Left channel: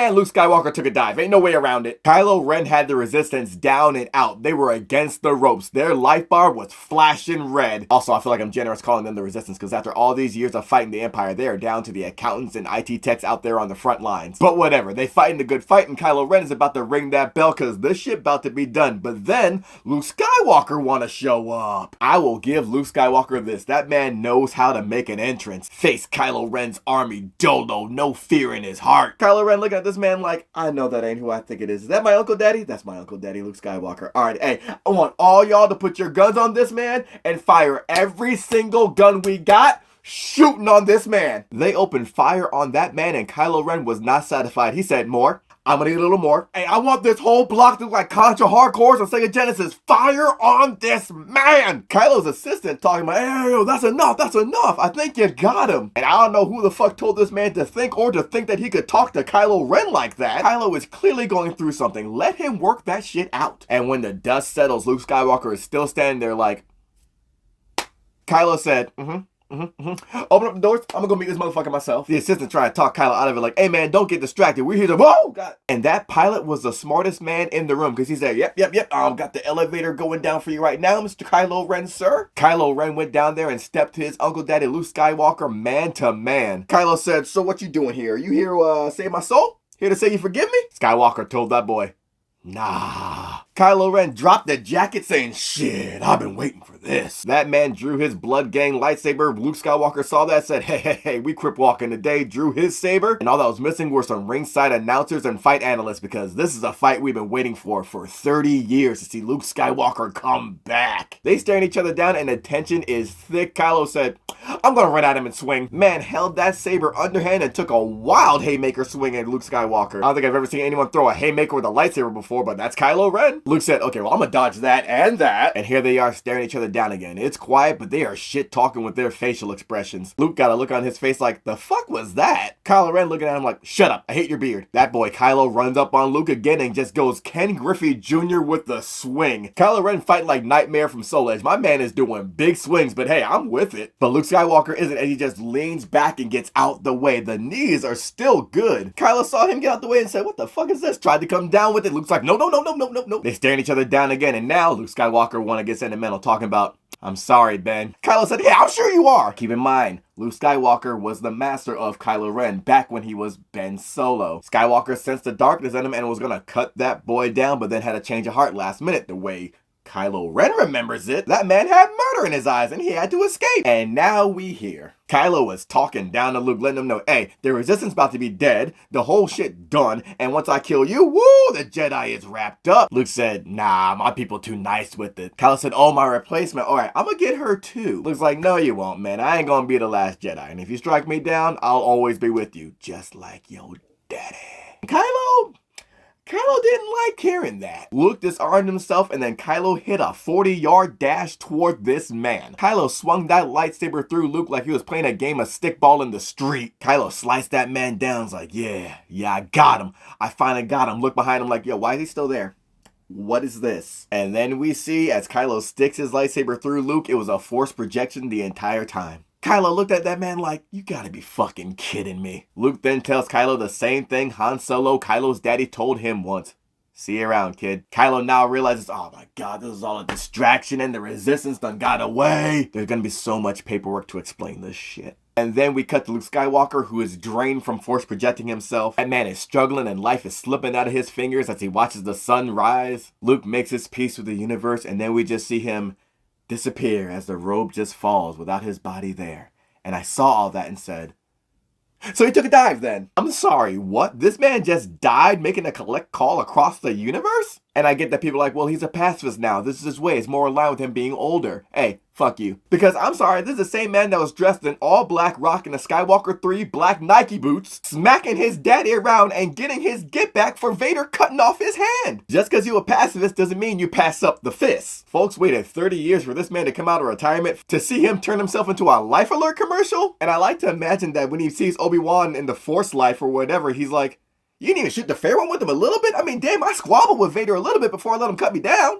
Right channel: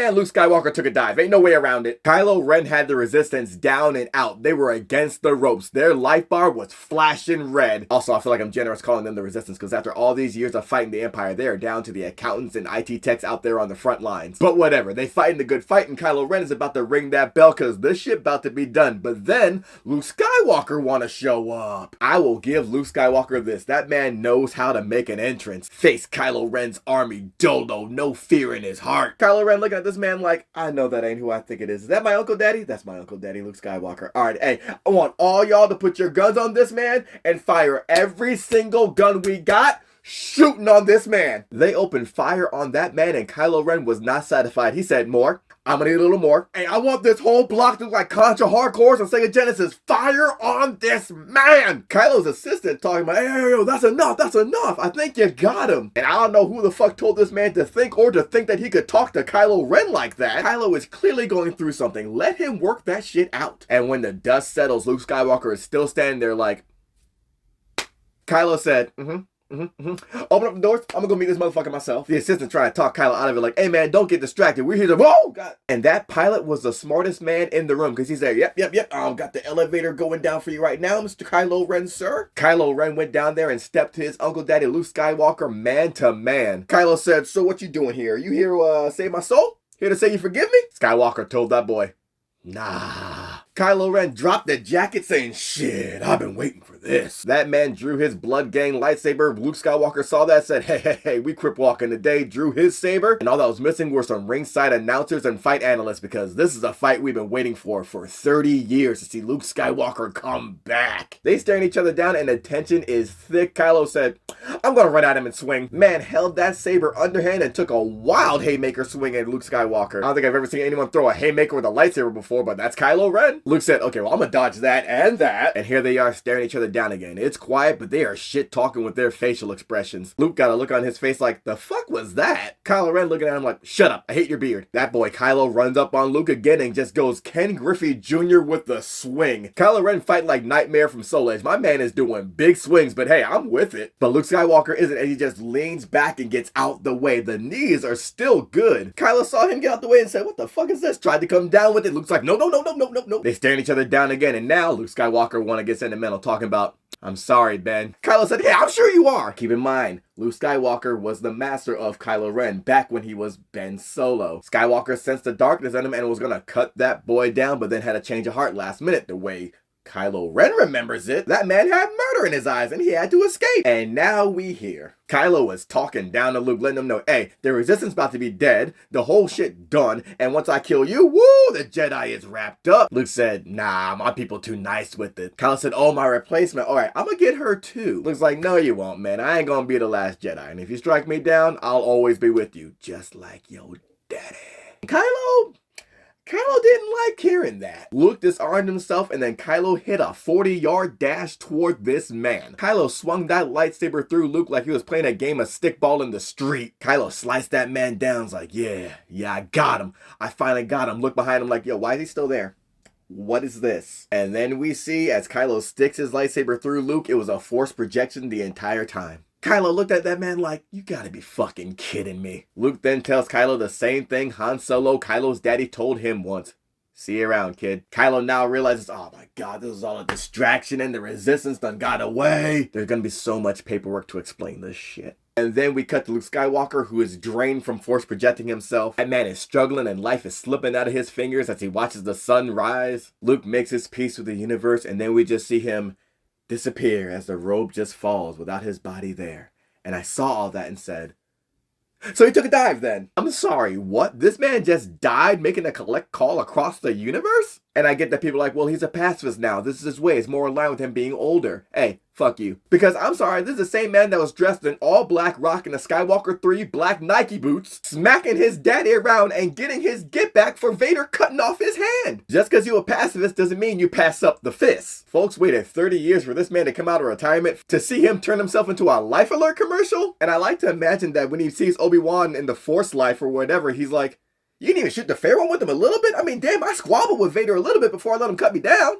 man Luke Skywalker took a dive. Ain't no way around it. Kylo Ren had the resistance down and out. They were against the ropes. Their life bar was flashing red. Also, I feel like I'm generous calling them the resistance because after all these years of fighting the Empire, they are down to the accountants and IT techs out there on the front lines. But whatever, they fighting the good fight and Kylo Ren is about to ring that bell because this shit about to be done. But then Luke Skywalker wanna show up. I will give Luke Skywalker this. That man knows how to make an entrance. Face Kylo Ren's army, Dolo, no fear in his heart. Kylo Ren looking at this man like, I know that ain't who I think it is. Is that my Uncle Daddy? That's my Uncle Daddy, Luke Skywalker. All right, hey, I want all y'all to put your guns on this man and fire every single gun we got shooting on this man. They opened fire on that man and Kylo Ren was not satisfied. He said, more. I'm gonna need a little more. Hey, I want this whole block to look like Contra Hardcores and Sega Genesis. Fire on this man! Kylo's assistant talking about, hey, that's enough. I think you got him. And I don't know who the fuck told this man to think that he could talk to Kylo Ren like that. Kylo is clearly going through something. Let him work that shit out. And when the dust settles, Luke Skywalker is still standing there like, Kylo said, open up the doors. I'm gonna go meet this motherfucker myself. The assistant tried to talk Kylo out of it like, hey man, don't get distracted. We're here to, whoa, God. And that pilot was the smartest man in the room because he said, yep. Got the elevator going down for you right now, Mr. Kylo Ren, sir. Kylo Ren went down there and stepped to his Uncle Daddy Luke Skywalker man to man. Kylo said, so what you doing here? You here to save my soul? Here to say you forgive me? Skywalker told that boy, nah. Kylo Ren dropped the jacket saying, shit, I've been waiting for this. That man drew his blood gang lightsaber. Luke Skywalker saw that, said, hey, we crip walking today, drew his saber. And all that was missing were some ringside announcers and fight analysts because this is a fight we've been waiting for 30 years to see Luke Skywalker come back. They staring each other down and the tension is thick. Kylo said, I'm gonna run at him and swing. Man held that saber underhand and took a wild haymaker swing at Luke Skywalker. I don't think I've ever seen anyone throw a haymaker with a lightsaber before, but that's Kylo Ren. Luke said, okay, well, I'm gonna dodge that and that. And here they are staring each other down again. It's quiet, but they are shit talking with their facial expressions. Luke got a look on his face like, the fuck was that? Kylo Ren looking at him like, shut up, I hate your beard. That boy Kylo runs up on Luke again and just goes Ken Griffey Jr. with the swing. Kylo Ren fighting like Nightmare from Soul Edge. My man is doing big swings, but hey, I'm with it. But Luke Skywalker isn't, and he just leans back and gets out the way. The knees are still good. Kylo saw him get out the way and said, what the fuck is this? Tried to come down with it. Luke's like, no. They staring each other down again, and now Luke Skywalker wanna get sentimental, talking about, I'm sorry, Ben. Kylo said, yeah, I'm sure you are. Keep in mind, Luke Skywalker was the master of Kylo Ren back when he was Ben Solo. Skywalker sensed the darkness in him and was gonna cut that boy down, but then had a change of heart last minute the way Kylo Ren remembers it. That man had murder in his eyes and he had to escape. And now we hear Kylo was talking down to Luke, letting him know, hey, the resistance about to be dead, the whole shit done, and once I kill you, woo, the Jedi is wrapped up. Luke said, nah, my people too nice with it. Kylo said, oh, my replacement, all right, I'm gonna get her too. Luke's like, no, you won't, man. I ain't gonna be the last Jedi, and if you strike me down, I'll always be with you, just like your daddy. Kylo didn't like hearing that. Luke disarmed himself and then Kylo hit a 40-yard dash toward this man. Kylo swung that lightsaber through Luke like he was playing a game of stickball in the street. Kylo sliced that man down. Was like, yeah, I got him. I finally got him. Look behind him like, yo, why is he still there? What is this? And then we see as Kylo sticks his lightsaber through Luke, it was a force projection the entire time. Kylo looked at that man like, you gotta be fucking kidding me. Luke then tells Kylo the same thing Han Solo, Kylo's daddy, told him once. See you around, kid. Kylo now realizes, oh my god, this is all a distraction and the resistance done got away. There's gonna be so much paperwork to explain this shit. And then we cut to Luke Skywalker, who is drained from force projecting himself. That man is struggling and life is slipping out of his fingers as he watches the sun rise. Luke makes his peace with the universe, and then we just see him disappear as the robe just falls without his body there. And I saw all that and said, so he took a dive then. I'm sorry, what? This man just died making a collect call across the universe? And I get that people are like, well, he's a pacifist now. This is his way. It's more in line with him being older. Hey, fuck you. Because I'm sorry, this is the same man that was dressed in all black, rocking a Skywalker 3 black Nike boots, smacking his daddy around and getting his get back for Vader cutting off his hand. Just because you're a pacifist doesn't mean you pass up the fist. Folks waited 30 years for this man to come out of retirement to see him turn himself into a Life Alert commercial. And I like to imagine that when he sees Obi-Wan in the Force life or whatever, he's like, you didn't even shoot the fair one with him a little bit? I mean, damn, I squabbled with Vader a little bit before I let him cut me down.